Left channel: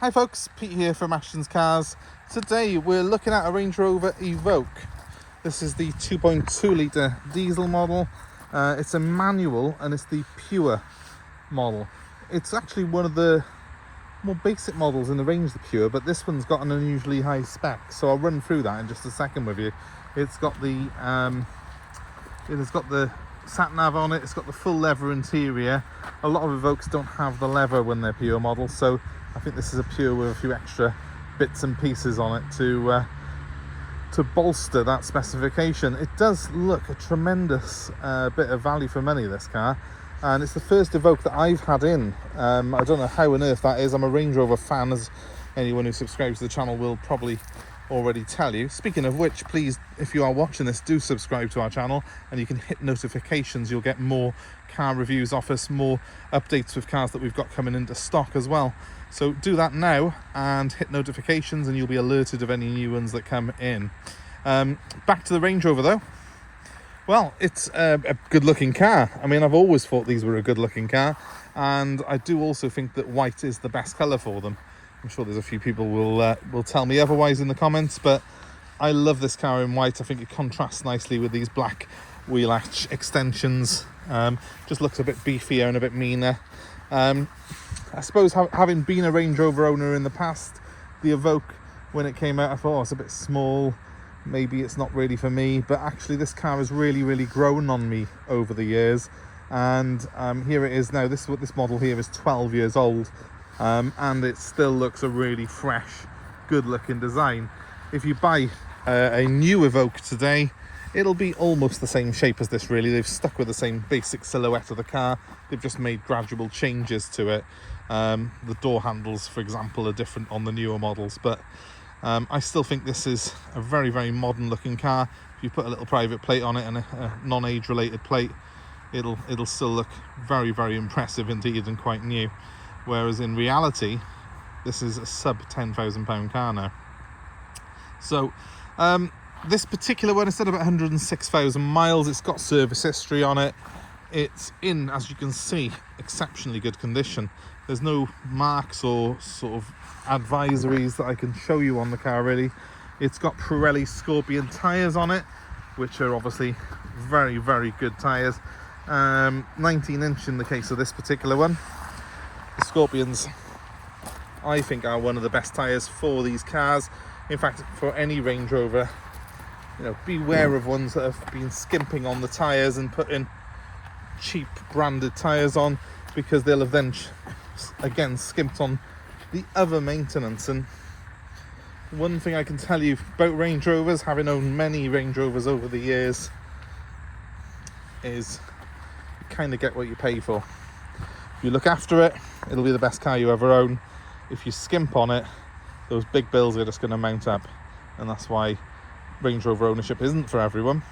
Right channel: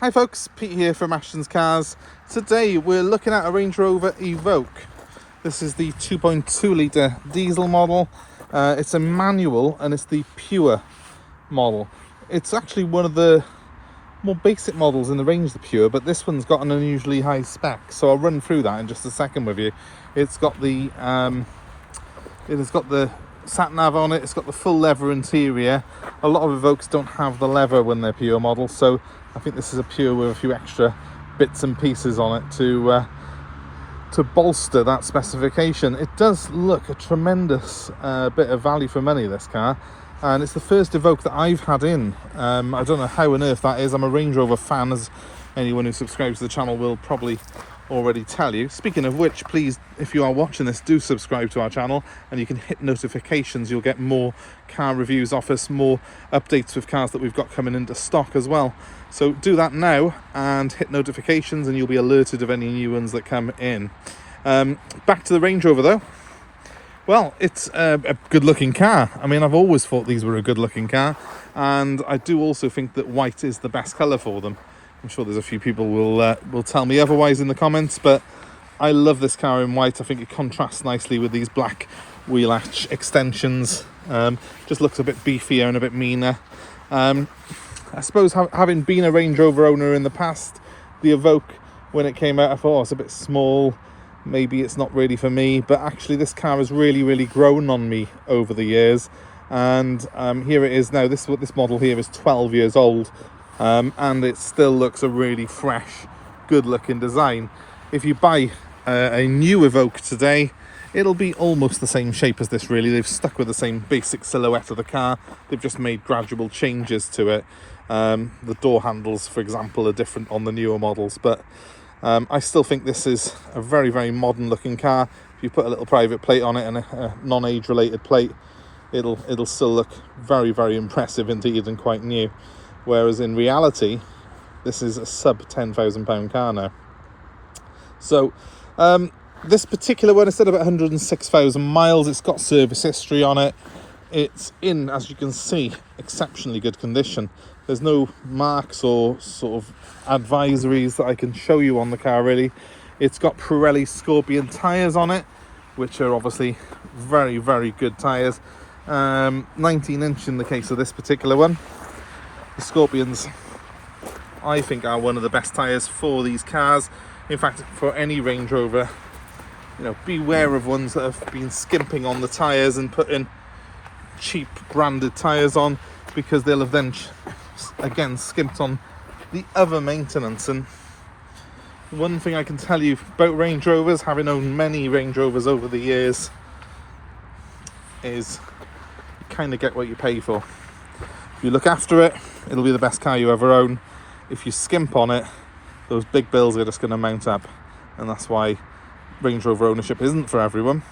Hi folks, Pete here from Ashton's Cars. Today we're looking at a Range Rover Evoque. This is the 2.2 litre diesel model. It's a manual and it's the pure model. It's actually one of the more basic models in the range, the pure, but this one's got an unusually high spec, so I'll run through that in just a second with you. It's got the sat nav on it, it's got the full leather interior. A lot of Evoques don't have the leather when they're pure models, so I think this is a pure with a few extra bits and pieces on it to bolster that specification. It does look a tremendous bit of value for money, this car, and it's the first Evoque that I've had in. I don't know how on earth that is. I'm a Range Rover fan, as anyone who subscribes to the channel will probably already tell you. Speaking of which, please, if you are watching this, do subscribe to our channel and you can hit notifications. You'll get more car reviews off us, more updates with cars that we've got coming into stock as well. So do that now and hit notifications and you'll be alerted of any new ones that come in. Back to the Range Rover though. Well, it's a good looking car. I mean, I've always thought these were a good looking car, and I do also think that white is the best colour for them. I'm sure there's a few people will tell me otherwise in the comments, but I love this car in white. I think it contrasts nicely with these black wheel arch extensions. Just looks a bit beefier and a bit meaner. I suppose having been a Range Rover owner in the past, the Evoque, when it came out, I thought, oh, it's a bit small, maybe it's not really for me, but actually this car has really grown on me over the years, and here it is now. This model here is 12 years old. And it still looks a really fresh, good looking design. If you buy a new Evoque today, it'll be almost the same shape as this really. They've stuck with the same basic silhouette of the car, they've just made gradual changes to it. The door handles, for example, are different on the newer models, but I still think this is a very modern looking car. If you put a little private plate on it and a non-age related plate, it'll still look very impressive indeed and quite new. Whereas in reality, this is a sub £10,000 car now. So this particular one, instead of 106,000 miles, it's got service history on it. It's in, as you can see, exceptionally good condition. There's no marks or sort of advisories that I can show you on the car really. It's got Pirelli Scorpion tyres on it, which are obviously very good tyres. 19-inch in the case of this particular one. The Scorpions, I think, are one of the best tyres for these cars. In fact, for any Range Rover, you know, beware of ones that have been skimping on the tyres and putting cheap branded tyres on, because they'll have then again skimped on the other maintenance. And one thing I can tell you about Range Rovers, having owned many Range Rovers over the years, is you kind of get what you pay for. If you look after it, it'll be the best car you ever own. If you skimp on it, those big bills are just going to mount up, and that's why Range Rover ownership isn't for everyone,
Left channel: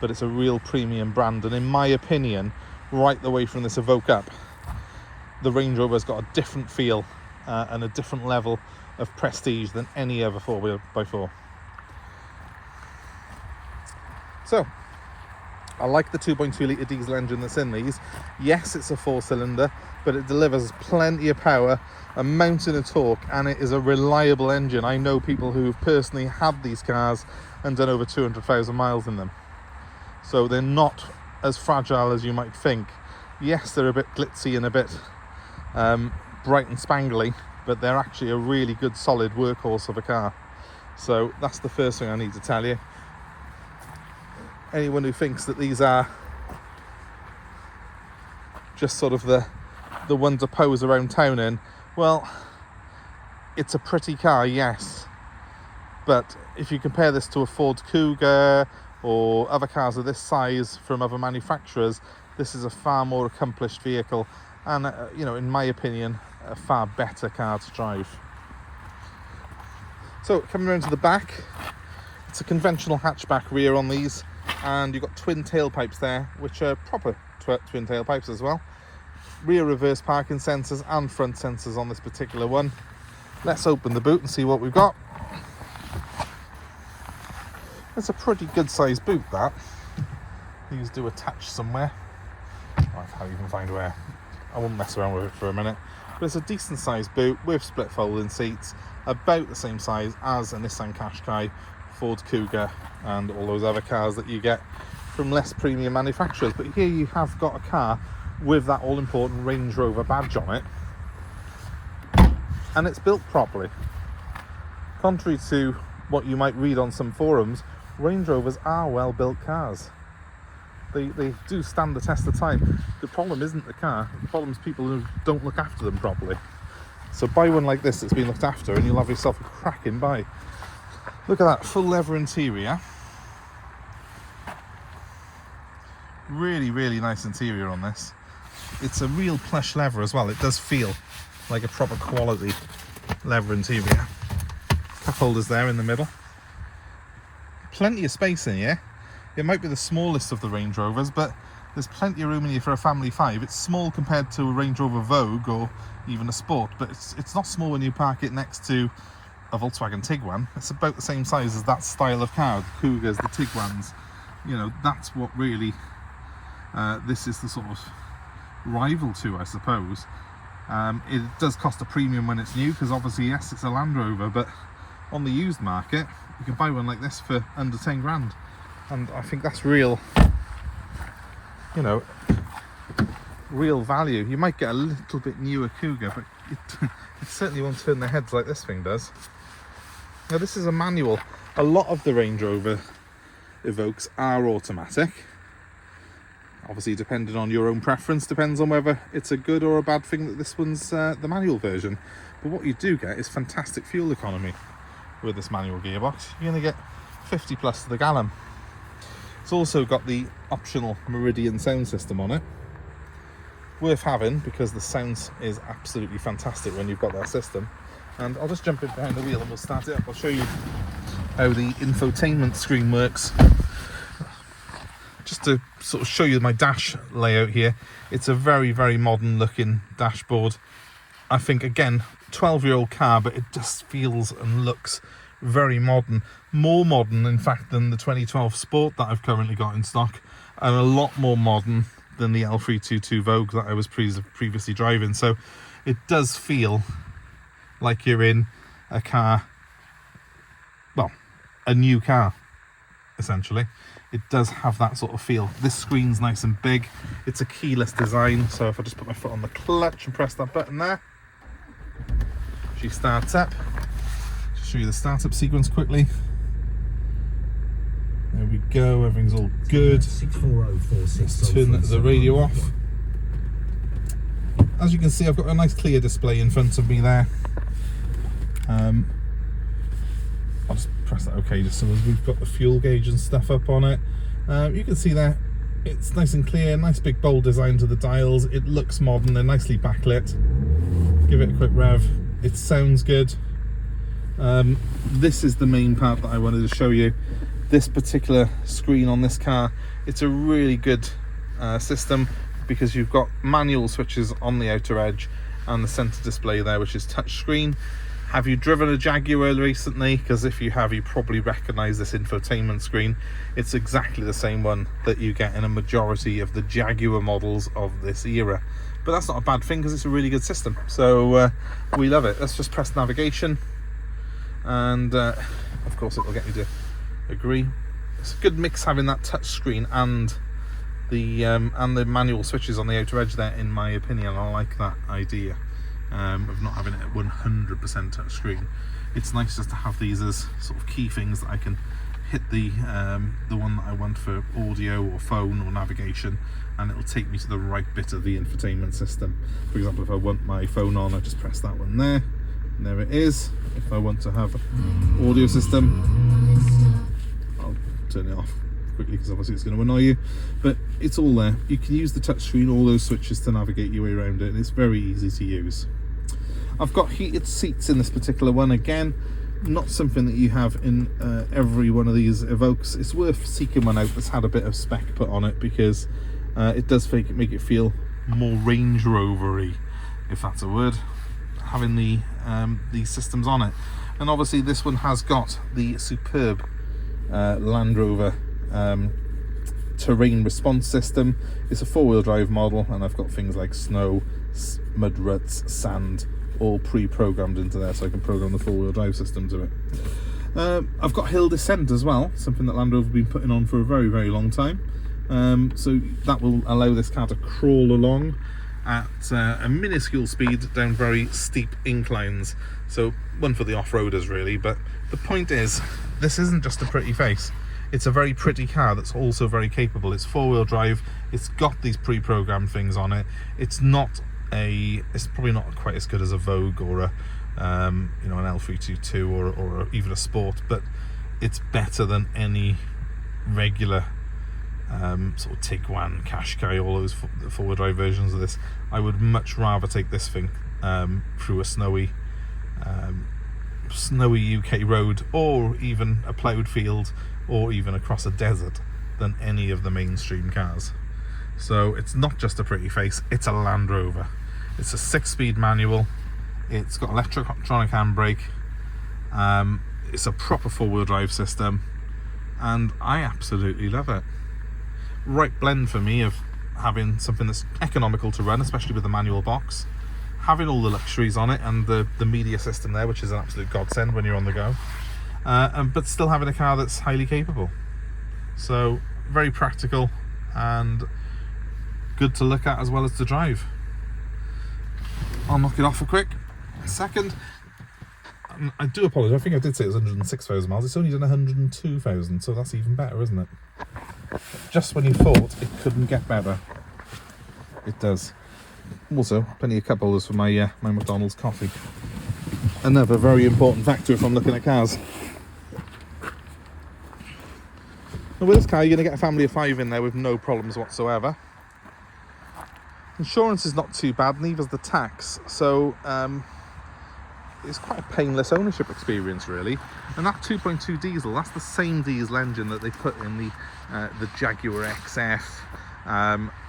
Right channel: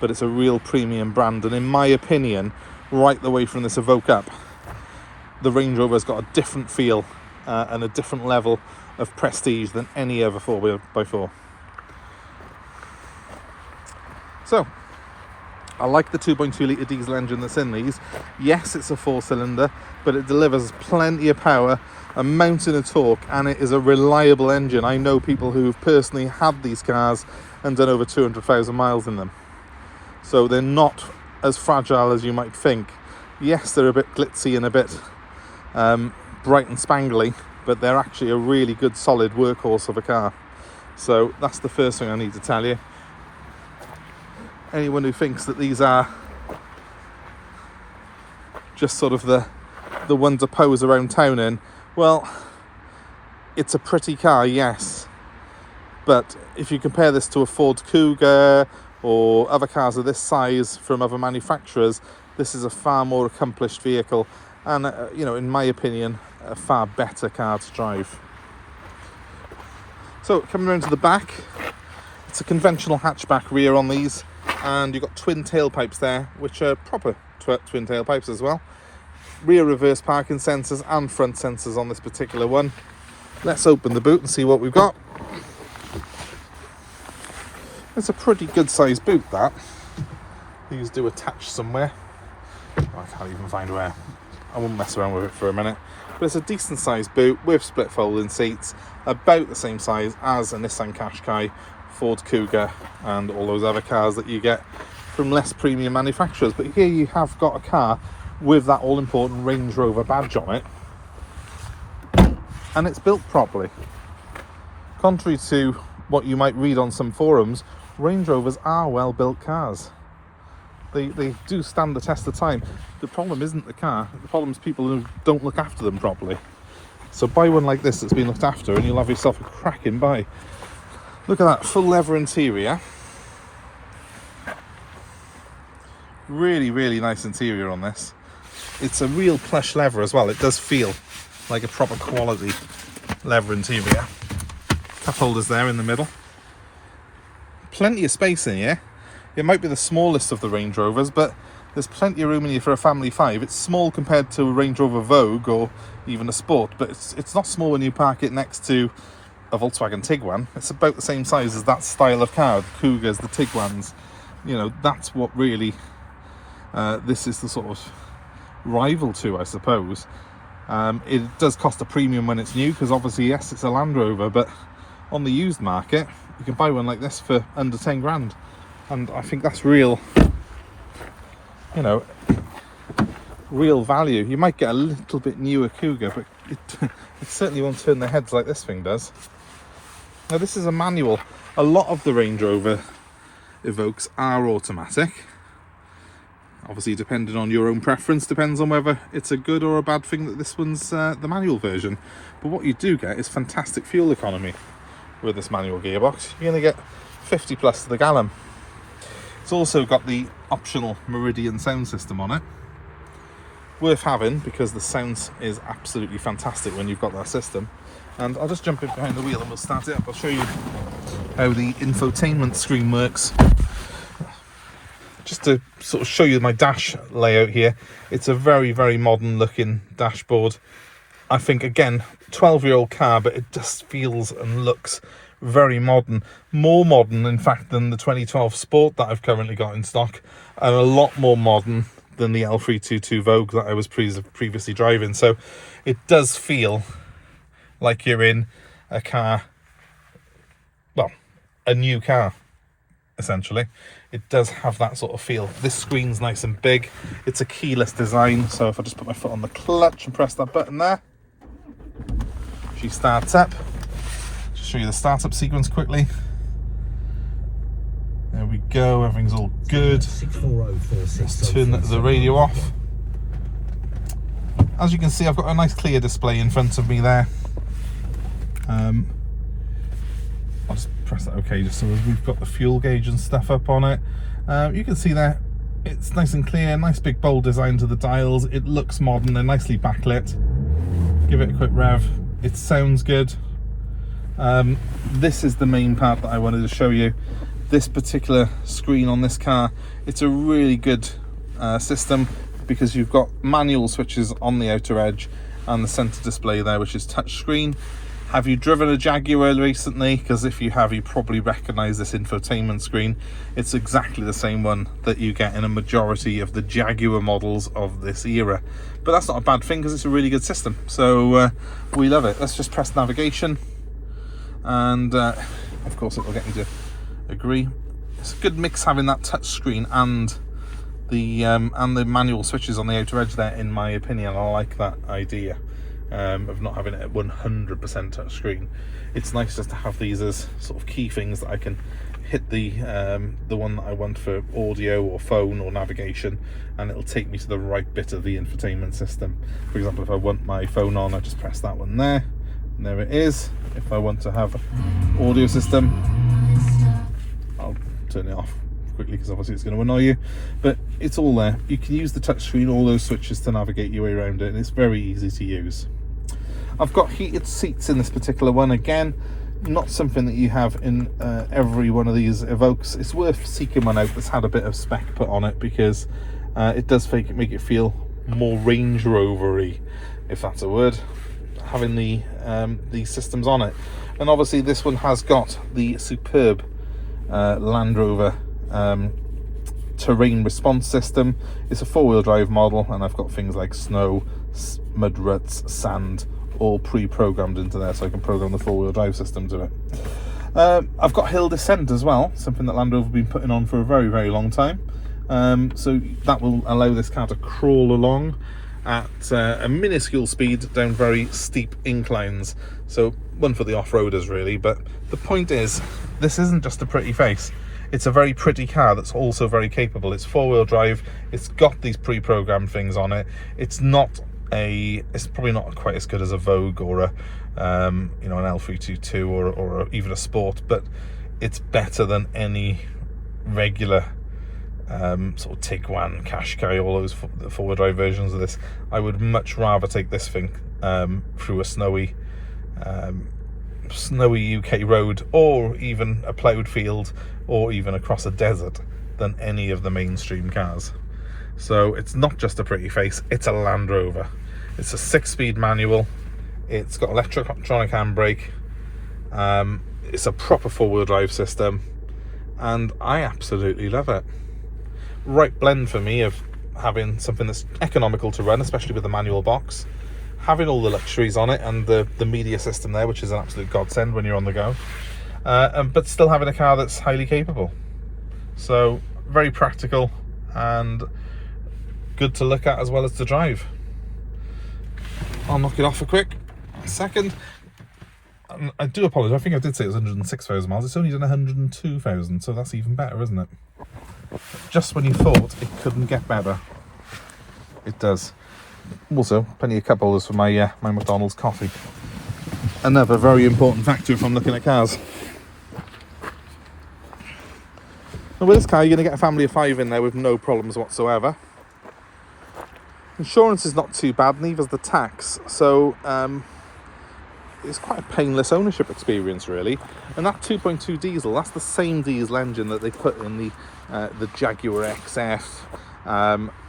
but it's a real premium brand. And in my opinion, right the way from this Evoque up, the Range Rover's got a different feel and a different level of prestige than any other 4x4. So I like the 2.2 litre diesel engine that's in these. Yes, it's a 4-cylinder, but it delivers plenty of power, a mountain of torque, and it is a reliable engine. I know people who've personally had these cars and done over 200,000 miles in them. So they're not as fragile as you might think. Yes, they're a bit glitzy and a bit bright and spangly, but they're actually a really good solid workhorse of a car. So that's the first thing I need to tell you. Anyone who thinks that these are just sort of the one to pose around town in, well, it's a pretty car, yes, but if you compare this to a Ford Cougar or other cars of this size from other manufacturers, this is a far more accomplished vehicle, and you know, in my opinion, a far better car to drive. So coming around to the back, it's a conventional hatchback rear on these, and you've got twin tailpipes there, which are proper twin tailpipes as well. Rear reverse parking sensors and front sensors on this particular one. Let's open the boot and see what we've got. It's a pretty good sized boot, that. These do attach somewhere. I can't even find where. I won't mess around with it for a minute. but it's a decent sized boot with split folding seats, about the same size as a Nissan Qashqai, Ford Kuga and all those other cars that you get from less premium manufacturers. But here you have got a car with that all important Range Rover badge on it, and it's built properly. Contrary to what you might read on some forums, Range Rovers are well built cars. They do stand the test of time. The problem isn't the car, the problem is people who don't look after them properly. So buy one like this that's been looked after and you'll have yourself a cracking buy. Look at that full leather interior. Really, really nice interior on this. It's a real plush leather as well. It does feel like a proper quality leather interior. Cup holders there in the middle. Plenty of space in here. It might be the smallest of the Range Rovers, but there's plenty of room in here for a family 5. It's small compared to a Range Rover Evoque or even a Sport, but it's not small when you park it next to a Volkswagen Tiguan. It's about the same size as that style of car, the Kugas, the Tiguans. You know, that's what really this is the sort of rival to, I suppose. It does cost a premium when it's new, because obviously, yes, it's a Land Rover, but on the used market, you can buy one like this for under 10 grand. And I think that's real, you know, real value. You might get a little bit newer Kuga, but it certainly won't turn their heads like this thing does. Now this is a manual. A lot of the Range Rover Evoques are automatic. Obviously, depending on your own preference, depends on whether it's a good or a bad thing that this one's the manual version. But what you do get is fantastic fuel economy with this manual gearbox. You're going to get 50 plus to the gallon. It's also got the optional Meridion sound system on it. Worth having, because the sound is absolutely fantastic when you've got that system. And I'll just jump in behind the wheel and we'll start it up. I'll show you how the infotainment screen works. Just to sort of show you my dash layout here, it's a very, very modern looking dashboard. I think, again, 12-year-old car, but it just feels and looks very modern. More modern, in fact, than the 2012 Sport that I've currently got in stock, and a lot more modern than the L322 Vogue that I was previously driving. So it does feel like you're in a car, well, a new car, essentially. It does have that sort of feel. This screen's nice and big. It's a keyless design, so if I just put my foot on the clutch and press that button there, she starts up. Just show you the startup sequence quickly. There we go, everything's all good. Let's turn the radio off. As you can see, I've got a nice clear display in front of me there. I'll just press that OK, just so as we've got the fuel gauge and stuff up on it. You can see there, it's nice and clear, nice big bold design to the dials. It looks modern, they're nicely backlit. Give it a quick rev. It sounds good. This is the main part that I wanted to show you. This particular screen on this car, it's a really good system, because you've got manual switches on the outer edge and the center display there, which is touch screen. Have you driven a Jaguar recently? Because if you have, you probably recognize this infotainment screen. It's exactly the same one that you get in a majority of the Jaguar models of this era. But that's not a bad thing, because it's a really good system. So we love it. Let's just press navigation, and of course it will get you to agree. It's a good mix having that touch screen and the manual switches on the outer edge there, in my opinion. I like that idea of not having it at 100% touch screen. It's nice just to have these as sort of key things that I can hit the one that I want for audio or phone or navigation, and it'll take me to the right bit of the infotainment system. For example, if I want my phone on, I just press that one there, and there it is. If I want to have audio system, I'll turn it off quickly, because obviously it's going to annoy you, but it's all there. You can use the touchscreen, all those switches, to navigate your way around it, and it's very easy to use. I've got heated seats in this particular one. Again, not something that you have in every one of these Evoques. It's worth seeking one out that's had a bit of spec put on it, because it does make it feel more Range Rover-y, if that's a word, having these systems on it. And obviously this one has got the superb Land Rover terrain response system. It's a 4-wheel drive model, and I've got things like snow, mud ruts, sand, all pre-programmed into there, so I can program the four-wheel drive system to it. I've got hill descent as well, something that Land Rover have been putting on for a very, very long time. So that will allow this car to crawl along at a minuscule speed down very steep inclines. So one for the off-roaders really, but the point is, this isn't just a pretty face. It's a very pretty car that's also very capable. It's four-wheel drive, it's got these pre-programmed things on it. It's probably not quite as good as a Vogue or a you know, an L322 or even a Sport, but it's better than any regular sort of Tiguan, Qashqai, all those four-wheel drive versions of this. I would much rather take this thing through a snowy UK road, or even a ploughed field, or even across a desert, than any of the mainstream cars. So it's not just a pretty face, it's a Land Rover. It's a 6-speed manual, it's got electronic handbrake, it's a proper four-wheel drive system, and I absolutely love it. Right blend for me of having something that's economical to run, especially with the manual box, having all the luxuries on it, and the media system there, which is an absolute godsend when you're on the go, but still having a car that's highly capable. So very practical and good to look at as well as to drive. I'll knock it off a quick second. I do apologise, I think I did say it was 106,000 miles. It's only done 102,000, so that's even better, isn't it? Just when you thought it couldn't get better, it does. Also, plenty of cup holders for my my McDonald's coffee. Another very important factor if I'm looking at cars. Now with this car, you're going to get a family of 5 in there with no problems whatsoever. Insurance is not too bad, neither is the tax, so it's quite a painless ownership experience really. And that 2.2 diesel, that's the same diesel engine that they put in the Jaguar XF.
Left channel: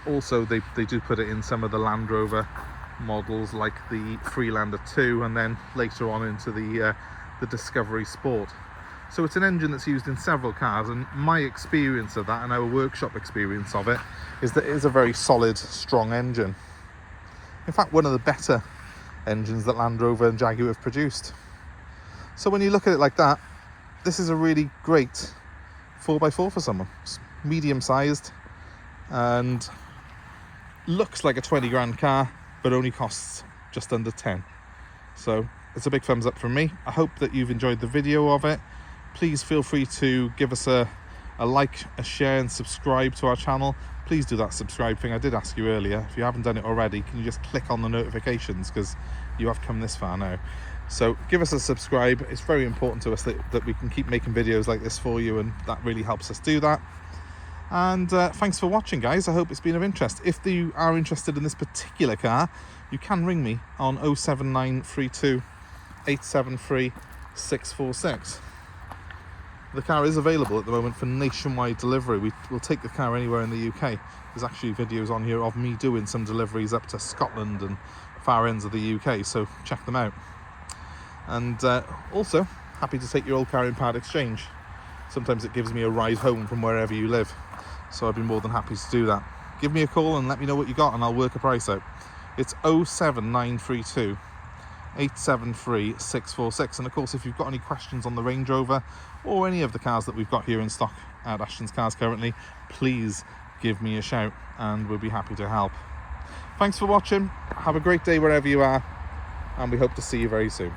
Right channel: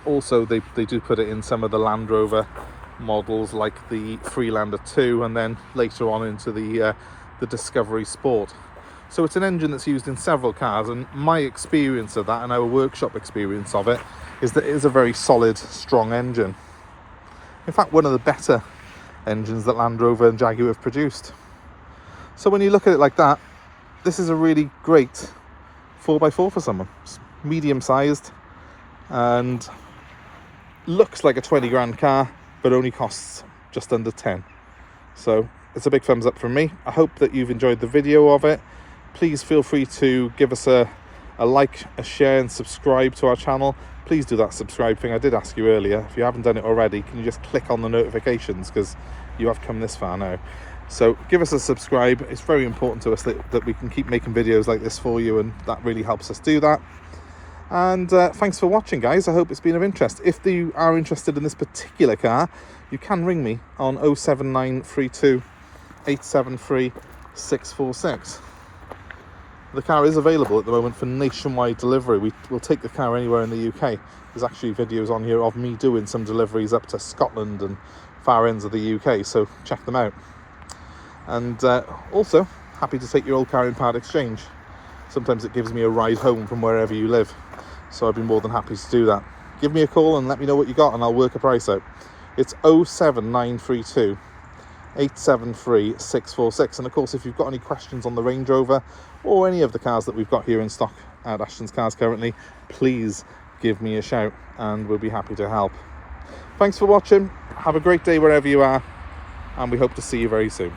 Also they do put it in some of the Land Rover models like the Freelander 2, and then later on into the Discovery Sport. So it's an engine that's used in several cars, and my experience of that and our workshop experience of it is that it is a very solid, strong engine. In fact, one of the better engines that Land Rover and Jaguar have produced. So when you look at it like that, this is a really great 4x4 for someone. It's medium sized and looks like a 20 grand car, but only costs just under 10. So it's a big thumbs up from me. I hope that you've enjoyed the video of it. Please feel free to give us a like, a share, and subscribe to our channel. Please do that subscribe thing. I did ask you earlier, if you haven't done it already, can you just click on the notifications, because you have come this far now. So give us a subscribe. It's very important to us that we can keep making videos like this for you, and that really helps us do that. And thanks for watching, guys. I hope it's been of interest. If you are interested in this particular car, you can ring me on 07932 873 646. The car is available at the moment for nationwide delivery. We'll take the car anywhere in the UK. There's actually videos on here of me doing some deliveries up to Scotland and far ends of the UK, so check them out. And also, happy to take your old car in part exchange. Sometimes it gives me a ride home from wherever you live, so I'd be more than happy to do that. Give me a call and let me know what you got, and I'll work a price out. It's 07932 873 646. And of course, if you've got any questions on the Range Rover or any of the cars that we've got here in stock at Ashton's Cars currently, please give me a shout and we'll be happy to help. Thanks for watching. Have a great day wherever you are, and we hope to see you very soon.